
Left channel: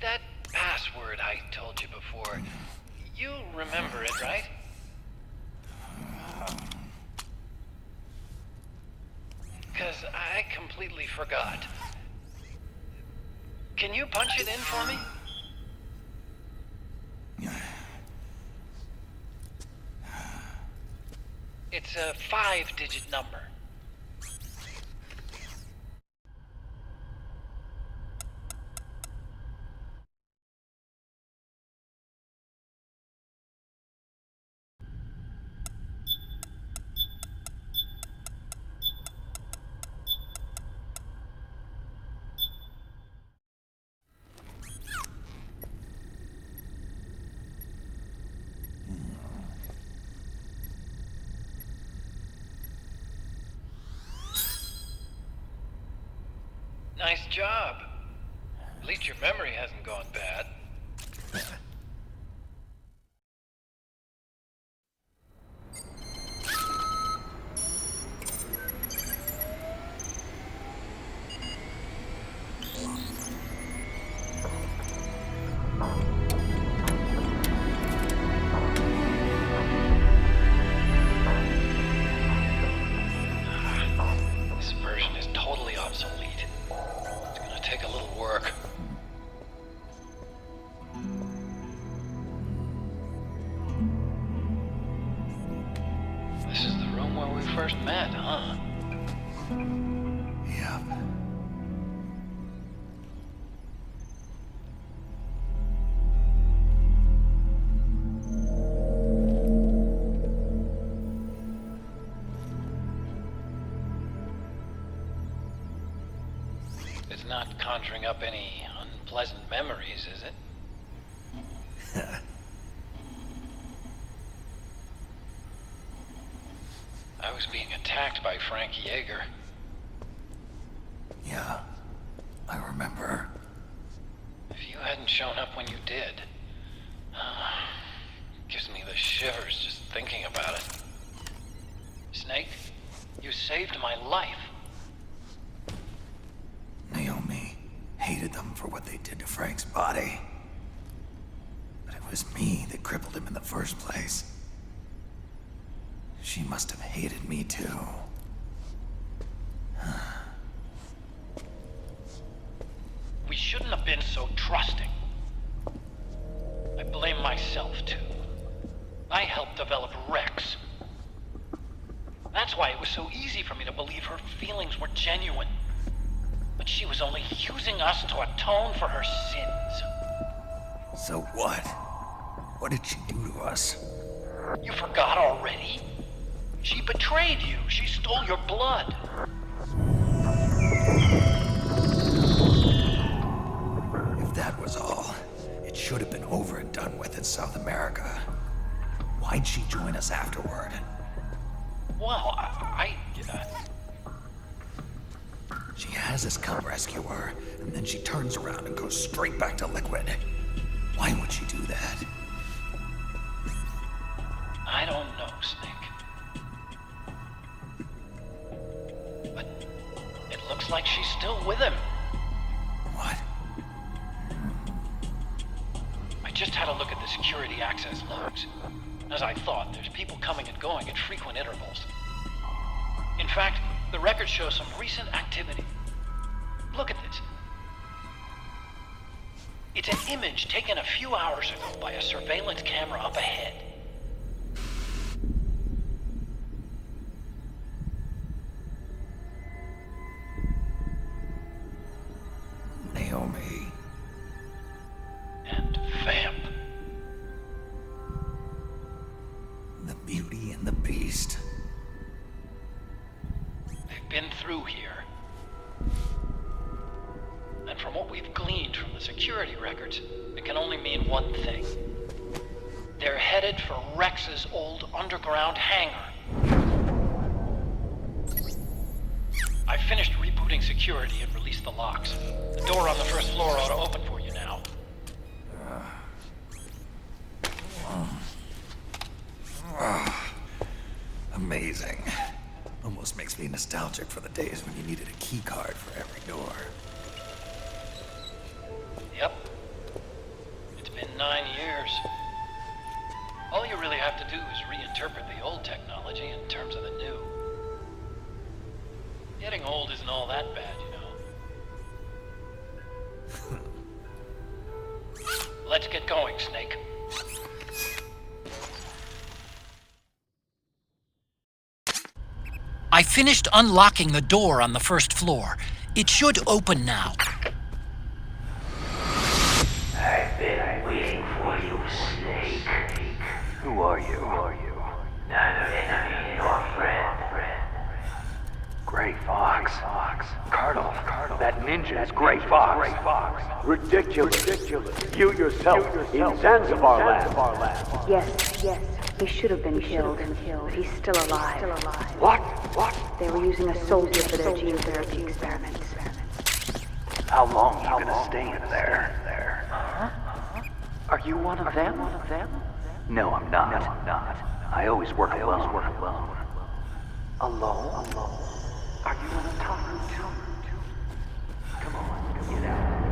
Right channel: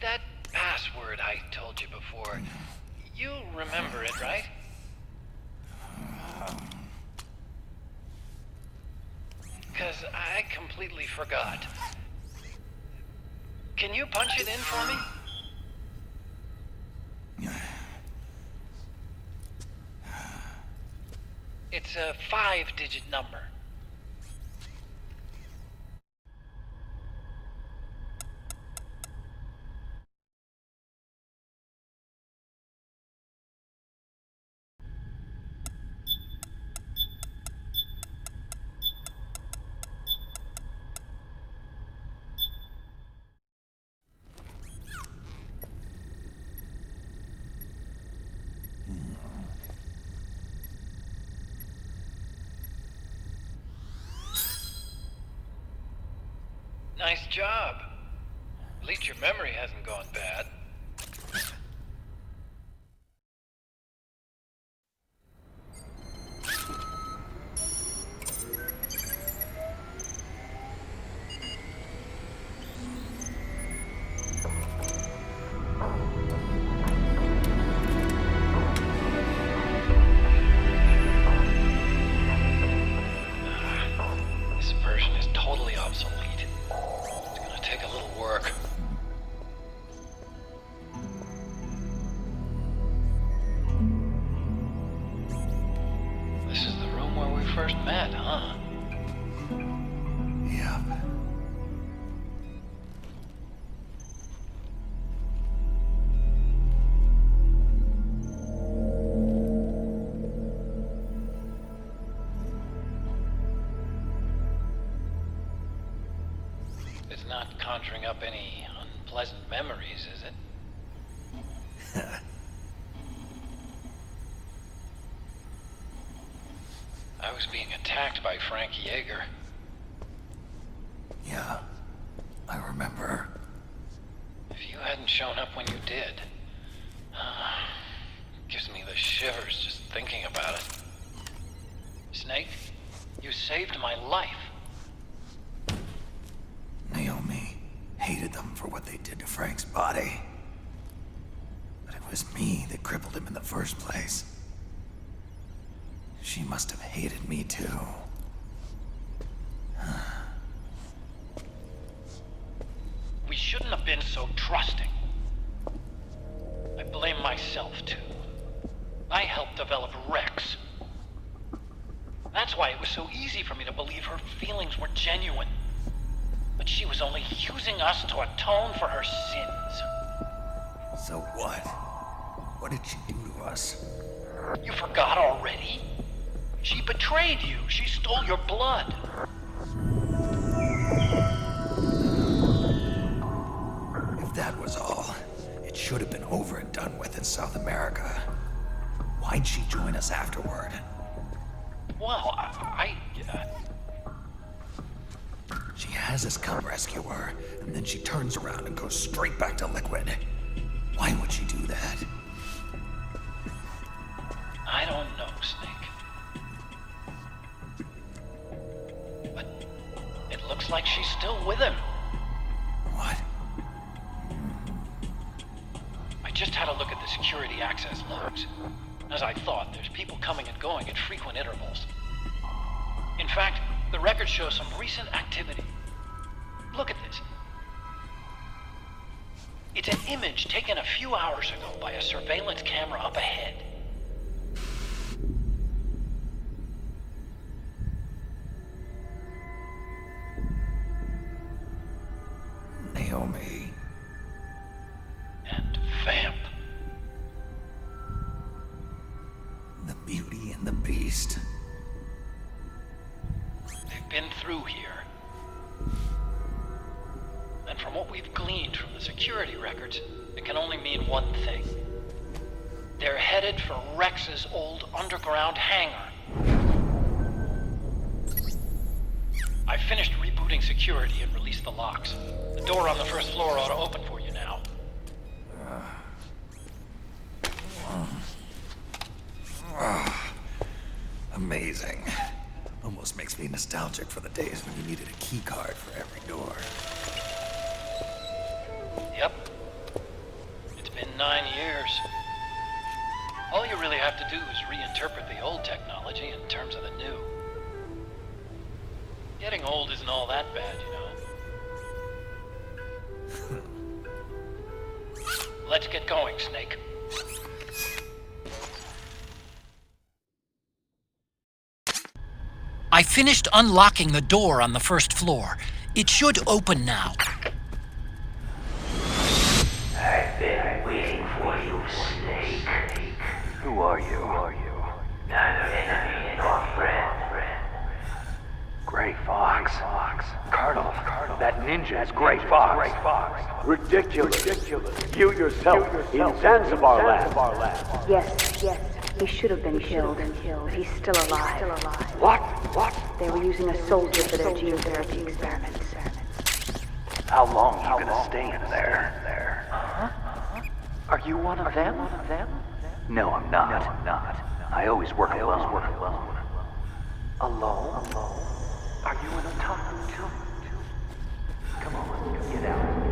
that password I told you before, you remember it, right? Because I completely forgot. Can you punch it in for me? It's a 5-digit number. Nice job. At least your memory hasn't gone bad. This version is totally obsolete. It's gonna take a little work. This is the room where we first met, huh? Yep. It's not conjuring up any unpleasant memories, is it? I was being attacked by Frank Yeager. Yeah, I remember. If you hadn't shown up when you did, gives me the shivers just thinking about it. Snake, you saved my life. Naomi hated them for what they did to Frank's body. But it was me that crippled him in the first place. She must have hated me too. We shouldn't have been so trusting. I blame myself too. I helped develop Rex. That's why it was so easy for me to believe her feelings were genuine. But she was only using us to atone for her sins. So what? What did she do to us? You forgot already? She betrayed you. She stole your blood. If that was all, it should have been over and done with in South America. Why'd she join us afterward? Well, She has us come rescue her, and then she turns around and goes straight back to Liquid. Why would she do that? I don't know, Snake. But it looks like she's still with him. What? I just had a look at the security access logs. As I thought, there's people coming and going at frequent intervals. In fact, the record shows some recent activity. Look at this. It's an image taken a few hours ago by a surveillance camera up ahead. Christ. They've been through here. And from what we've gleaned from the security records, it can only mean one thing. They're headed for Rex's old underground hangar. I finished rebooting security and released the locks. The door on the first floor ought to open for you now. Amazing. Almost makes me nostalgic for the days when you needed a key card for every door. Yep. It's been 9 years. All you really have to do is reinterpret the old technology in terms of the new. Getting old isn't all that bad, you know. Let's get going, Snake. I finished unlocking the door on the first floor. It should open now. I've been waiting for you, Snake. Who are you? Neither enemy nor friend. Gray Fox. Colonel, that ninja is Gray Fox. Ridiculous. You yourself in Zanzibar land. Yes, he should have been killed, but he's still alive. What? They were using a soldier for their gene therapy experiments. How long are you gonna stay in there? Huh? Are you one of them? No, I'm not. I always work alone. Alone? Are you an otaku too? Come on, get out.